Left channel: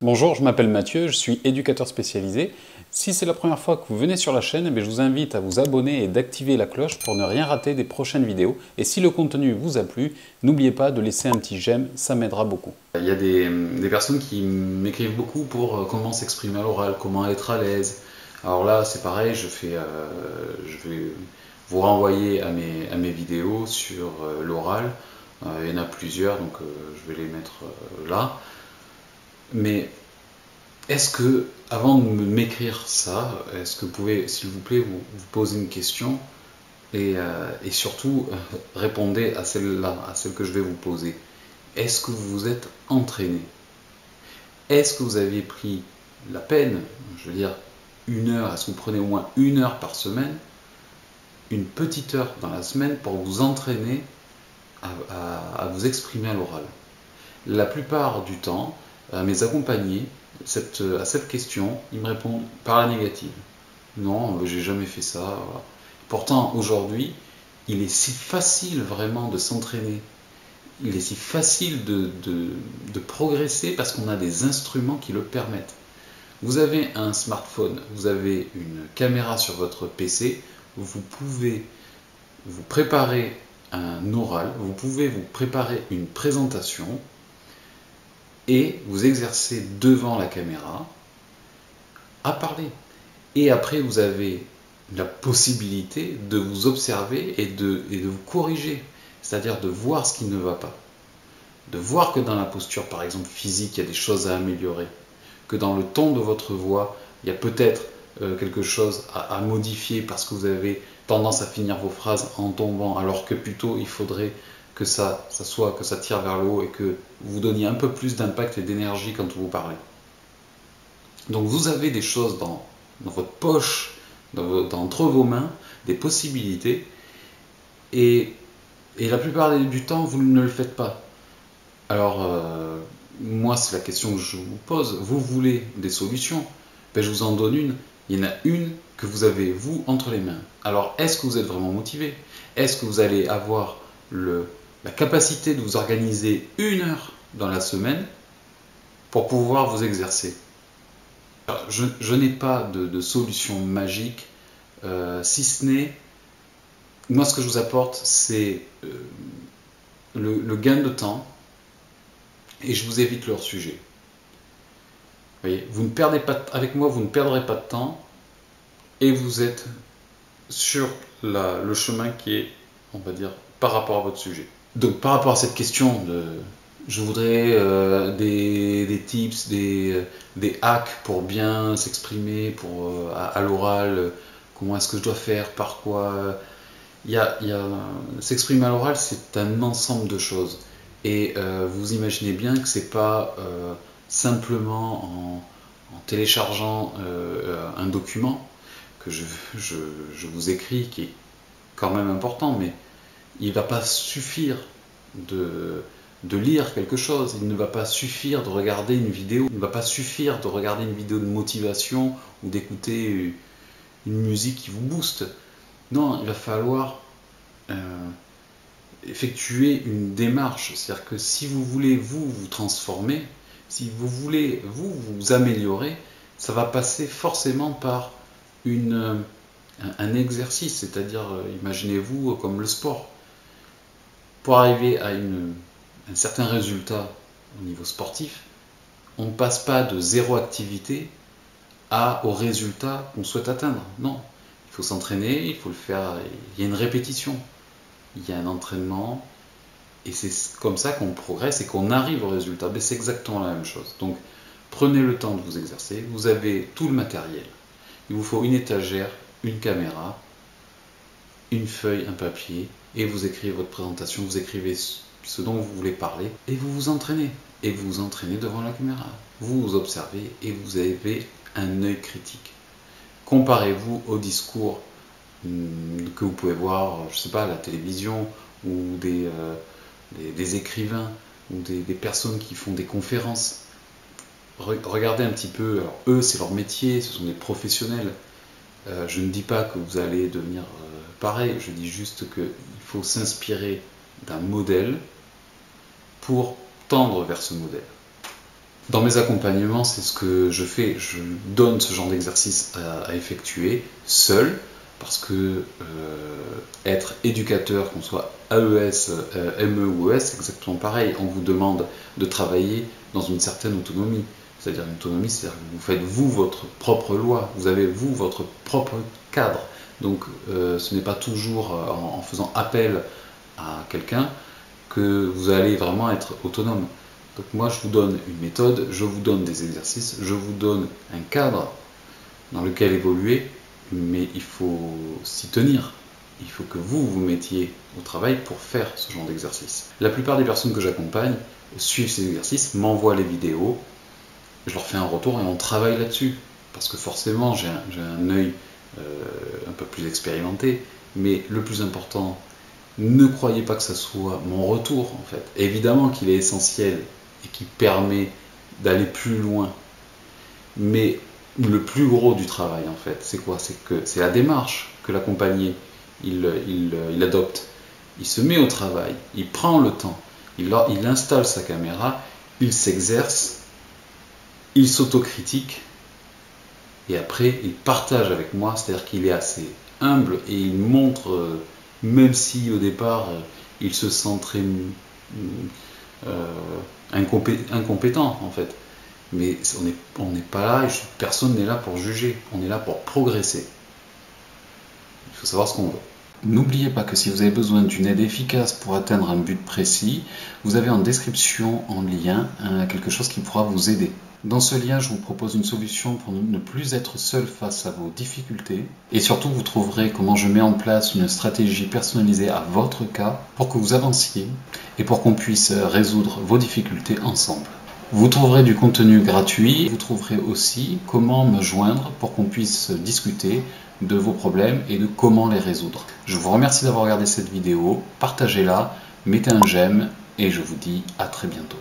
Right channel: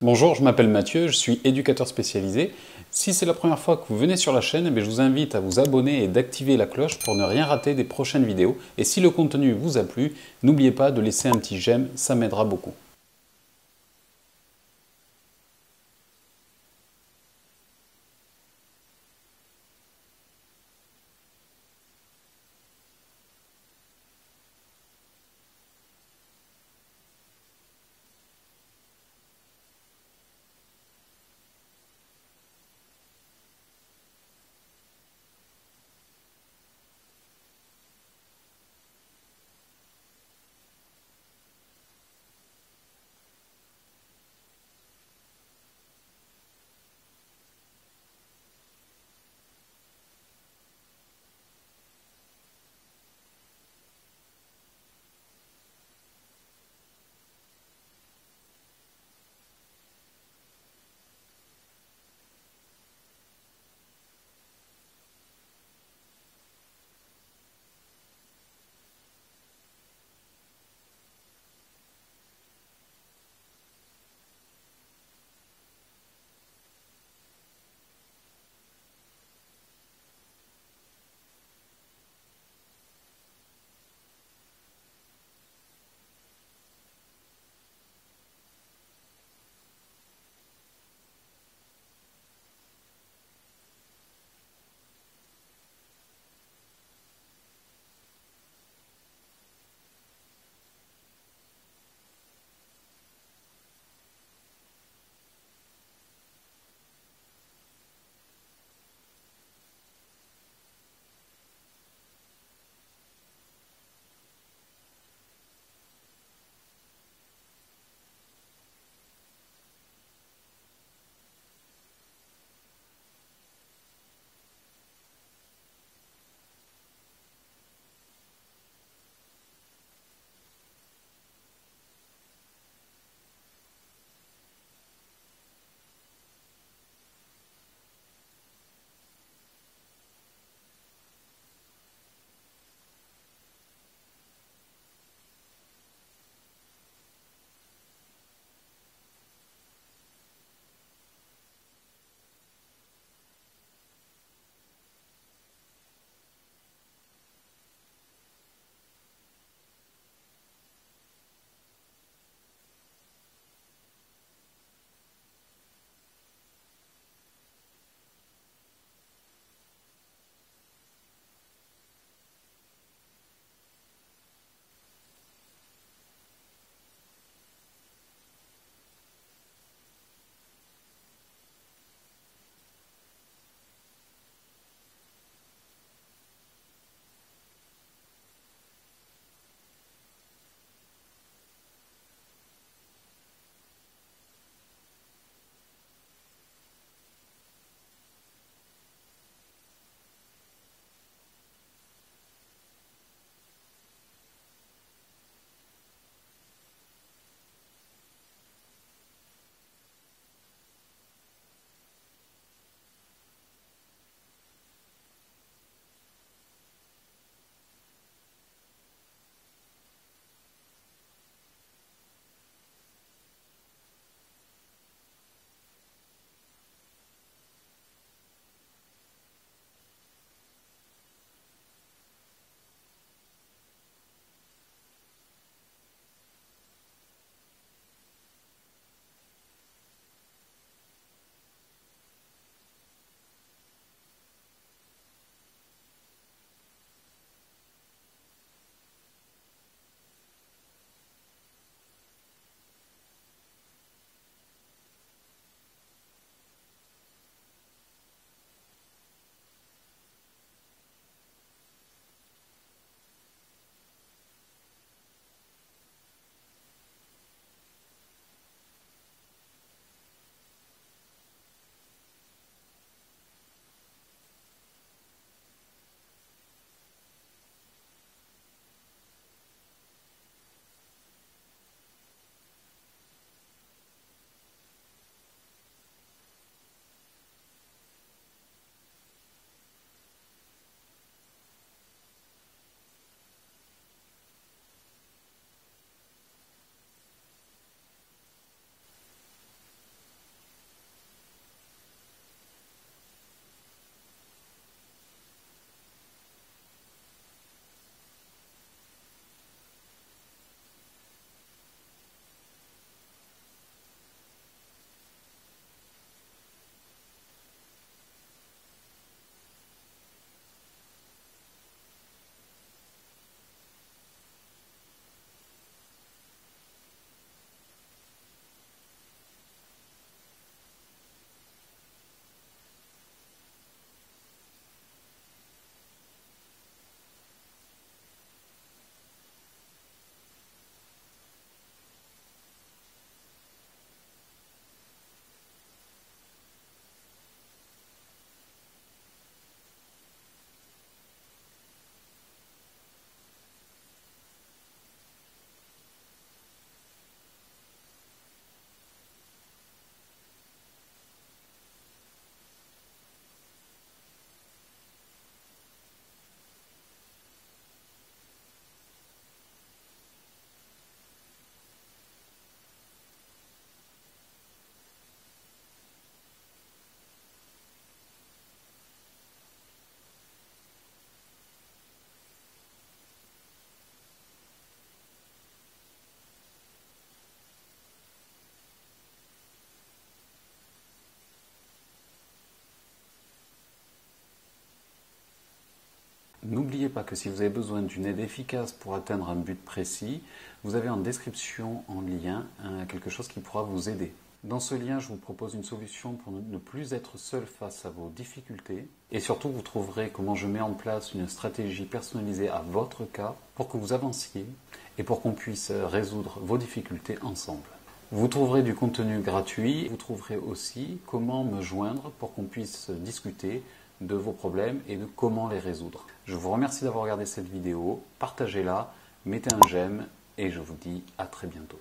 Bonjour, je m'appelle Mathieu, je suis éducateur spécialisé. Si c'est la première fois que vous venez sur la chaîne, je vous invite à vous abonner et d'activer la cloche pour ne rien rater des prochaines vidéos. Et si le contenu vous a plu, n'oubliez pas de laisser un petit j'aime, ça m'aidera beaucoup. Il y a des personnes qui m'écrivent beaucoup pour comment s'exprimer à l'oral, comment être à l'aise. Alors là, c'est pareil, je vais vous renvoyer à mes vidéos sur l'oral. Il y en a plusieurs, donc je vais les mettre là. Mais est-ce que, avant de m'écrire ça, est-ce que vous pouvez, s'il vous plaît, vous poser une question et surtout répondez à celle-là, à celle que je vais vous poser. Est-ce que vous vous êtes entraîné? Est-ce que vous avez pris la peine, je veux dire, 1 heure, est-ce que vous prenez au moins 1 heure par semaine, une petite heure dans la semaine pour vous entraîner à vous exprimer à l'oral? La plupart du temps, mes accompagnés, à cette question, ils me répondent par la négative. Non, j'ai jamais fait ça. Voilà. Pourtant, aujourd'hui, il est si facile vraiment de s'entraîner. Il est si facile de progresser parce qu'on a des instruments qui le permettent. Vous avez un smartphone, vous avez une caméra sur votre PC, vous pouvez vous préparer un oral, vous pouvez vous préparer une présentation et vous exercer devant la caméra à parler. Et après, vous avez la possibilité de vous observer et de vous corriger, c'est-à-dire de voir ce qui ne va pas. De voir que dans la posture, par exemple physique, il y a des choses à améliorer, que dans le ton de votre voix, il y a peut-être quelque chose à modifier parce que vous avez tendance à finir vos phrases en tombant, alors que plutôt il faudrait que ça tire vers le haut et que vous donniez un peu plus d'impact et d'énergie quand vous parlez. Donc vous avez des choses dans votre poche, entre vos mains, des possibilités, et la plupart du temps, vous ne le faites pas. Alors, moi, c'est la question que je vous pose. Vous voulez des solutions? Je vous en donne une. Il y en a une que vous avez, vous, entre les mains. Alors, est-ce que vous êtes vraiment motivé? Est-ce que vous allez avoir la capacité de vous organiser 1 heure dans la semaine pour pouvoir vous exercer? Alors, je n'ai pas de solution magique, si ce n'est, moi, ce que je vous apporte, c'est le gain de temps, et je vous évite leur sujet. Vous voyez, vous ne perdez pas, avec moi, vous ne perdrez pas de temps et vous êtes sur le chemin qui est, on va dire, par rapport à votre sujet. Donc, par rapport à cette question je voudrais des tips, des hacks pour bien s'exprimer, à l'oral, comment est-ce que je dois faire, par quoi. S'exprimer à l'oral, c'est un ensemble de choses. Et vous imaginez bien que c'est pas simplement en téléchargeant un document que je vous écris, qui est quand même important, mais il ne va pas suffire de lire quelque chose, il ne va pas suffire de regarder une vidéo, il ne va pas suffire de regarder une vidéo de motivation ou d'écouter une musique qui vous booste. Non, il va falloir effectuer une démarche. C'est-à-dire que si vous voulez vous transformer, si vous voulez vous améliorer, ça va passer forcément par un exercice. C'est-à-dire, imaginez-vous comme le sport. Pour arriver à un certain résultat au niveau sportif, on ne passe pas de 0 activité au résultat qu'on souhaite atteindre. Non, il faut s'entraîner, il faut le faire, il y a une répétition, il y a un entraînement, et c'est comme ça qu'on progresse et qu'on arrive au résultat. Mais c'est exactement la même chose. Donc prenez le temps de vous exercer, vous avez tout le matériel, il vous faut une étagère, une caméra, une feuille, un papier, et vous écrivez votre présentation, vous écrivez ce dont vous voulez parler, et vous vous entraînez. Et vous vous entraînez devant la caméra. Vous vous observez et vous avez un œil critique. Comparez-vous au discours que vous pouvez voir, je ne sais pas, à la télévision, ou des écrivains, ou des personnes qui font des conférences. Regardez un petit peu, alors eux c'est leur métier, ce sont des professionnels. Je ne dis pas que vous allez devenir pareil, je dis juste qu'il faut s'inspirer d'un modèle pour tendre vers ce modèle. Dans mes accompagnements, c'est ce que je fais. Je donne ce genre d'exercice à effectuer seul, parce que être éducateur, qu'on soit AES, ME ou ES, c'est exactement pareil. On vous demande de travailler dans une certaine autonomie. C'est-à-dire une autonomie, c'est-à-dire que vous faites vous votre propre loi, vous avez vous votre propre cadre. Donc ce n'est pas toujours en faisant appel à quelqu'un que vous allez vraiment être autonome. Donc moi je vous donne une méthode, je vous donne des exercices, je vous donne un cadre dans lequel évoluer, mais il faut s'y tenir. Il faut que vous vous mettiez au travail pour faire ce genre d'exercice. La plupart des personnes que j'accompagne suivent ces exercices, m'envoient les vidéos, je leur fais un retour et on travaille là-dessus. Parce que forcément j'ai un œil un peu plus expérimenté, mais le plus important, ne croyez pas que ça soit mon retour en fait. Évidemment qu'il est essentiel et qui permet d'aller plus loin, mais le plus gros du travail en fait, c'est quoi? C'est la démarche que l'accompagné il adopte. Il se met au travail, il prend le temps, il installe sa caméra, il s'exerce, il s'autocritique et après il partage avec moi, c'est-à-dire qu'il est assez humble et il montre, même si au départ il se sent très incompétent en fait. Mais on n'est pas là, personne n'est là pour juger, on est là pour progresser. Il faut savoir ce qu'on veut. N'oubliez pas que si vous avez besoin d'une aide efficace pour atteindre un but précis, vous avez en description en lien quelque chose qui pourra vous aider. Dans ce lien, je vous propose une solution pour ne plus être seul face à vos difficultés. Et surtout, vous trouverez comment je mets en place une stratégie personnalisée à votre cas pour que vous avanciez et pour qu'on puisse résoudre vos difficultés ensemble. Vous trouverez du contenu gratuit, vous trouverez aussi comment me joindre pour qu'on puisse discuter de vos problèmes et de comment les résoudre. Je vous remercie d'avoir regardé cette vidéo, partagez-la, mettez un j'aime et je vous dis à très bientôt.